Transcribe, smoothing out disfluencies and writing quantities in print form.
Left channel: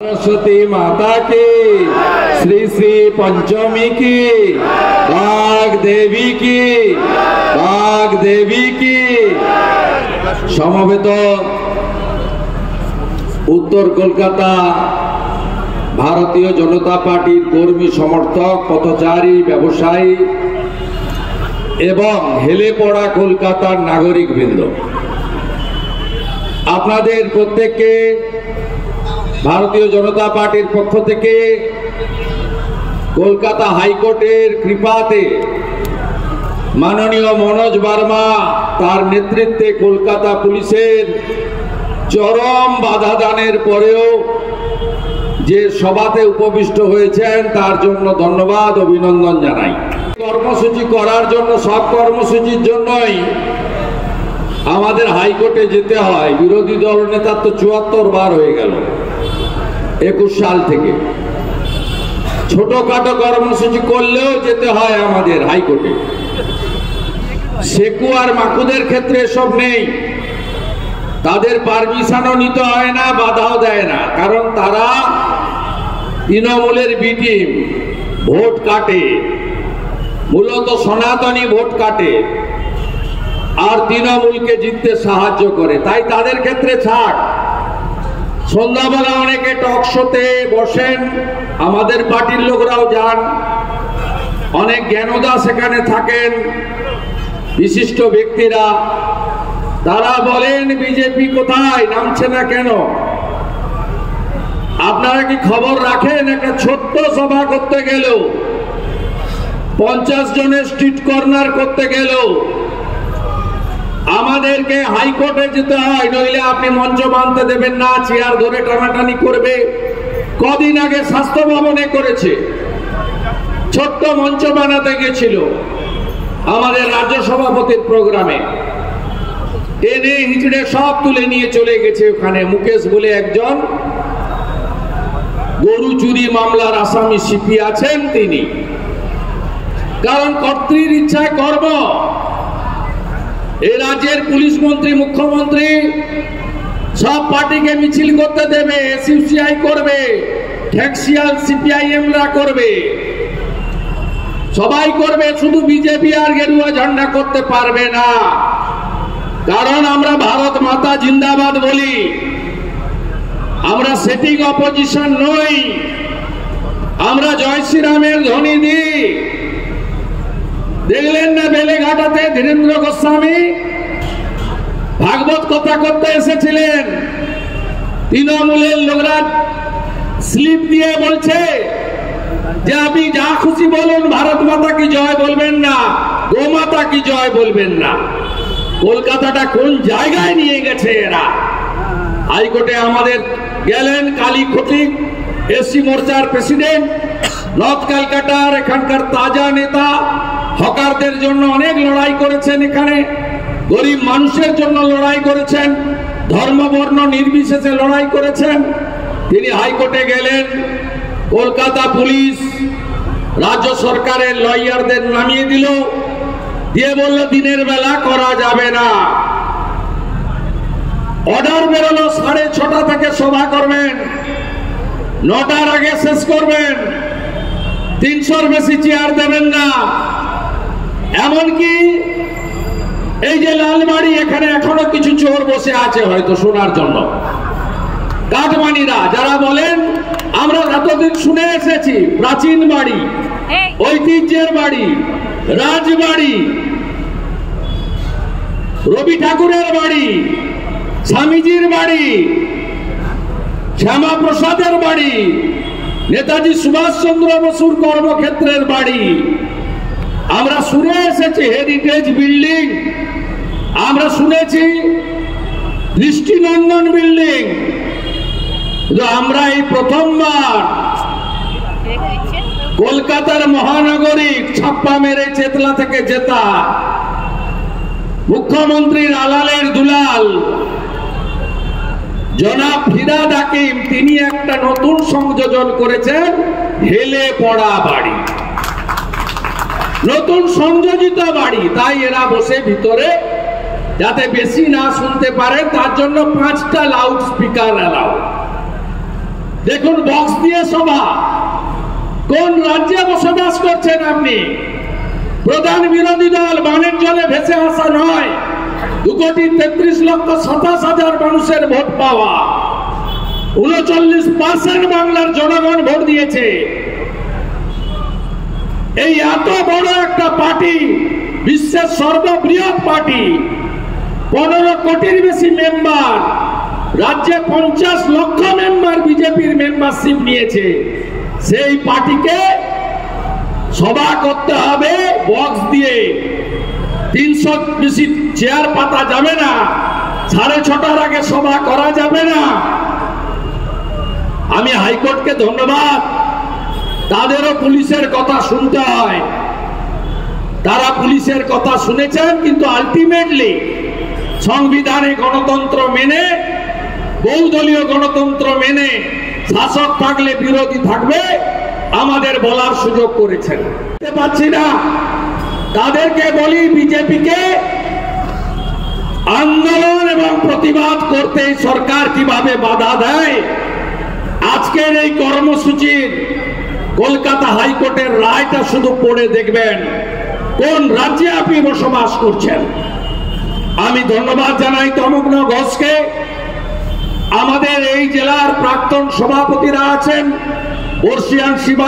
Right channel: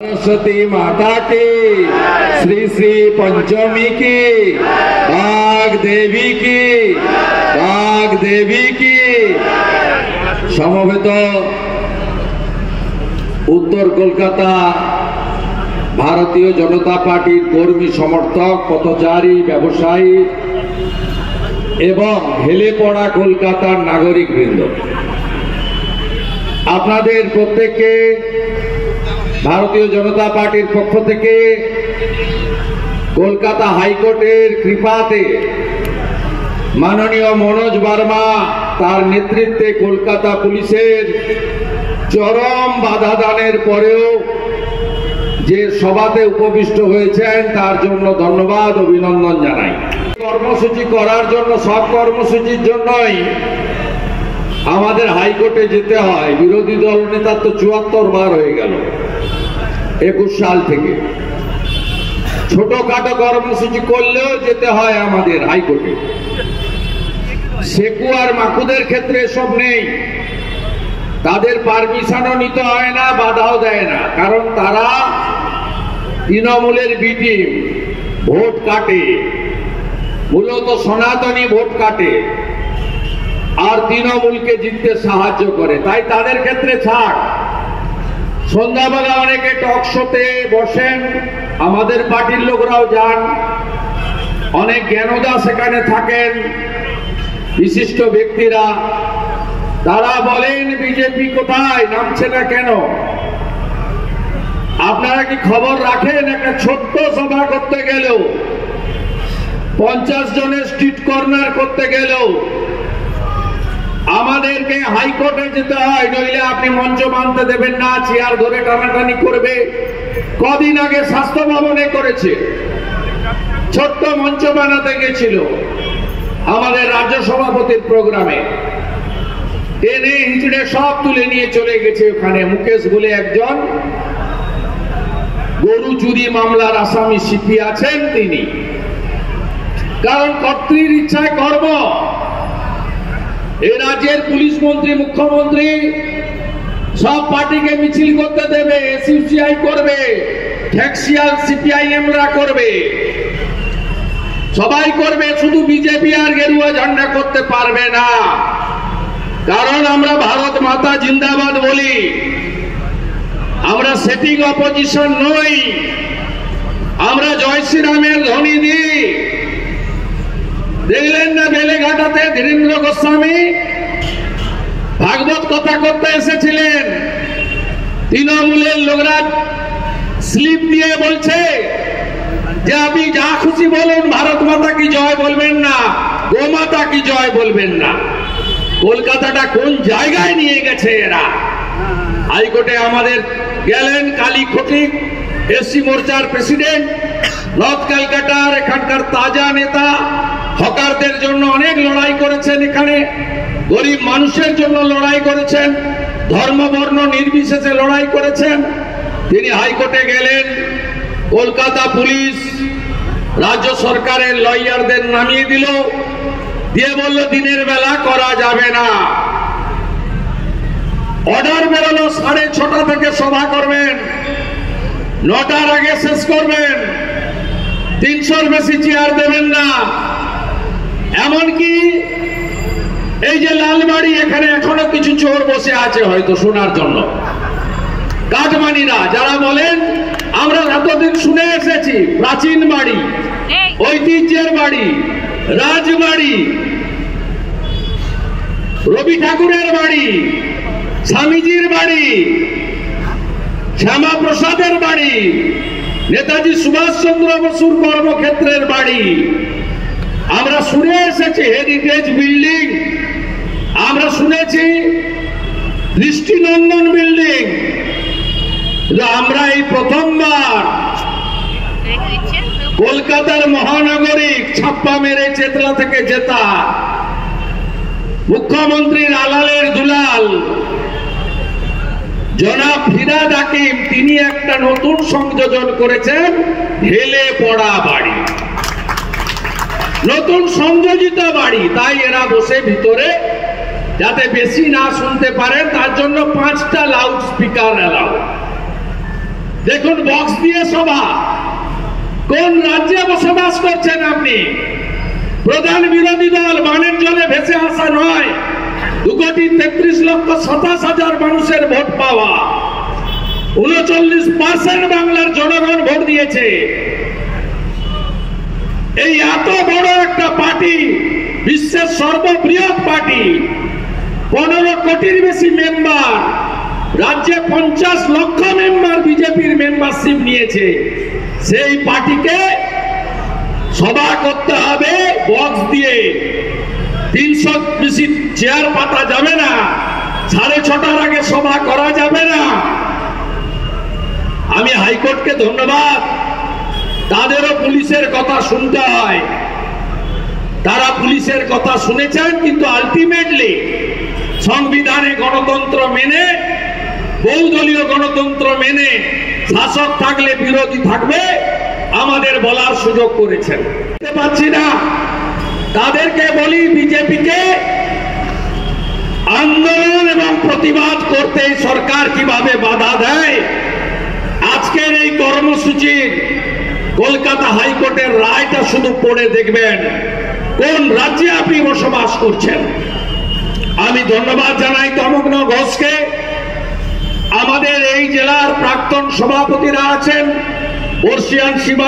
सरस्वती माता की, श्री श्री पंचमी की, बाघ देवी की समवेत उत्तर कलकाता भारतीय जनता पार्टी कर्मी समर्थक पथचारी व्यवसायी एवं हेले पड़ा कलकातार नागरिक बृंद आपनादेर प्रत्येकके भारतीय जनता पार्टी पक्ष থেকে কলকাতা হাইকোর্টের কৃপাতে মাননীয় মনোজ বার্মা তার নেতৃত্বে কলকাতা পুলিশের চরম বাধা দানের পরেও যে সভাতে উপবিষ্ট হয়েছেন তার জন্য ধন্যবাদ অভিনন্দন জানাই। কর্মসূচি করার জন্য সব কর্মসূচির জন্যই আমাদের হাইকোর্টে যেতে হয়। বিরোধী দল নেতার তো ৭৪ বার হয়ে গেল ২১ সাল থেকে। ছোটখাটো কর্মসূচি করলেও যেতে হয় আমাদের হাইকোর্টে। সেকু আর মাকুদের ক্ষেত্রে এসব নেই, তাদের পারমিশনও নিতে হয় না, বাধাও দেয় না, কারণ তারা তৃণমূলের বি টিম, ভোট কাটে, মূলত সনাতনী ভোট কাটে আর তৃণমূলকে জিততে সাহায্য করে, তাই তাদের ক্ষেত্রে ছাড়। সন্ধ্যাবেলা অনেকে টক শোতে বসেন, আমাদের পার্টির লোকরাও যান, অনেক জ্ঞানদা সেখানে থাকেন, বিশিষ্ট ব্যক্তিরা, তারা বলেন বিজেপি কোথায়, নামছে না কেন। আপনারা কি খবর রাখেন? একটা ছোট্ট সভা করতে গেল, 50 জনের স্ট্রিট কর্নার করতে গেল আমাদেরকে হাইকোর্টে যেতে হয়, নইলে আপনি মঞ্চ বাঁধতে দেবেন না, চেয়ার ধরে টানাটানি করবে। কদিন আগে স্বাস্থ্য ভবনে করেছে, ছোট্ট মঞ্চ বানাতে গেছিল আমাদের রাজ্য সভাপতির প্রোগ্রামে, টেনে হিচড়ে সব তুলে নিয়ে চলে গেছে ওখানে। মুকেশ বলে একজন গরু চুরি মামলার আসামি সিপি আছেন তিনি, কারণ কর্তৃর ইচ্ছায় কর্ম। এই রাজ্যের পুলিশ মন্ত্রী, মুখ্যমন্ত্রী সব পার্টিকে মিছিল করতে দেবে, এসইউসিআই করবে, ট্যাক্সিয়াল সিপিআইএমরা করবে, সবাই করবে, শুধু বিজেপি আর গেরুয়া ঝান্ডা করতে পারবে না। কারণ আমরা ভারত মাতা জিন্দাবাদ বলি, আমরা সেটিং অপোজিশন নই, আমরা জয় শ্রীরামের ধ্বনি দিই। দেখলেন না বেলেঘাটাতে ধীরেন্দ্র গোস্বামী ভাগবত কথা করতে এসেছিলেন, তৃণমূলের লোকরা স্লিপ দিয়ে বলছে যে আপনি যা খুশি বলুন, ভারত মাতা কি জয় বলবেন না, গোমাতা কি জয় বলবেন না। কলকাতাটা কোন জায়গায় নিয়ে গেছে এরা। হাইকোর্টে আমাদের গেলেন কালী খটিক, এসসি মোর্চার প্রেসিডেন্ট, নর্থ ক্যালকাটার এখানকার তাজা নেতা, হকারদের জন্য অনেক লড়াই করেছেন, এখানে গরিব মানুষের জন্য লড়াই করেছেন, ধর্ম বর্ণ নির্বিশেষে লড়াই করেছেন। তিনি হাইকোর্টে গেলেন, কলকাতা পুলিশ রাজ্য সরকারের লয়ারদের নামিয়ে দিল, দিয়ে বলল দিনের বেলা করা যাবে না। অর্ডার বেরোলো 6:30 থেকে সভা করবেন, 9টার আগে শেষ করবেন, 300-র বেশি চেয়ার দেবেন না। এমনকি এই যে লালবাড়ি, এখানে এখনো কিছু চোর বসে আছে হয়তো শোনার জন্য, কাঠমানিরা, যারা বলেন আমরা এতদিন শুনে এসেছি প্রাচীন বাড়ি, ঐতিহ্যের বাড়ি, রাজবাড়ি, রবি ঠাকুরের বাড়ি, স্বামীজির বাড়ি, শ্যামা প্রসাদের বাড়ি, নেতাজি সুভাষচন্দ্র বসুর কর্মক্ষেত্রের বাড়ি, আমরা শুনে এসেছি হেরিটেজ বিল্ডিং, আমরা শুনেছি দৃষ্টিনন্দন বিল্ডিং, আমরা এই প্রথমবার কলকাতার মহানগরিক ছাপ্পা মেরে চেতলা থেকে জেতা মুখ্যমন্ত্রীর আলালের দুলাল জনাব ফিরহাদ হাকিম, তিনি একটা নতুন সংযোজন করেছেন, হেলে পড়া বাড়ি, নতুন সংযোজিত বাড়ি। তাই এরা বসে ভিতরে যাতে বেশি না শুনতে পারেন তার জন্য 5টা লাউড স্পিকার এলাও। দেখুন বক্স দিয়ে সভা। কোন রাজ্যে বসবাস করছেন আপনি? প্রধান বিরোধী দল বানের জলে ভেসে আসা নয়, 2,33,27,000 মানুষের ভোট পাওয়া, 39% বাংলার জনগণ ভোট দিয়েছে। এই এত বড় একটা পার্টি, বিশ্বের সর্ববৃহৎ পার্টি, 15 কোটির বেশি মেম্বার, রাজ্যে 50 লক্ষ মেম্বার বিজেপির মেম্বারশিপ নিয়েছে। সেই পার্টিকে সভা করতে হবে বক্স দিয়ে। 300 বেশি চেয়ার পাতা যাবে না, 6:30টার আগে সভা করা যাবে না। আমি হাইকোর্টকে ধন্যবাদ, তাদেরও পুলিশের কথা শুনতে হয়। তারা পুলিশের কথা শুনেছেন, কিন্তু আলটিমেটলি সংবিধানে গণতন্ত্র মেনে, বহুদলীয় গণতন্ত্র মেনে, শাসক থাকলে বিরোধী থাকবে, আমাদের বলার সুযোগ করেছেন। পাচ্ছি না, তাদেরকে বলি বিজেপিকে আন্দোলন এবং প্রতিবাদ করতে সরকার কিভাবে বাধা দেয়। আজকের এই কর্মসূচির কলকাতা হাইকোর্টের রায়টা শুধু পড়ে দেখবেন, কোন রাজ্যে আপনি বসবাস করছেন। আমি ধন্যবাদ জানাই তমগ্ন ঘোষকে। আমাদের এই জেলার প্রাক্তন সভাপতিরা আছেন, বর্ষিয়ান শিবা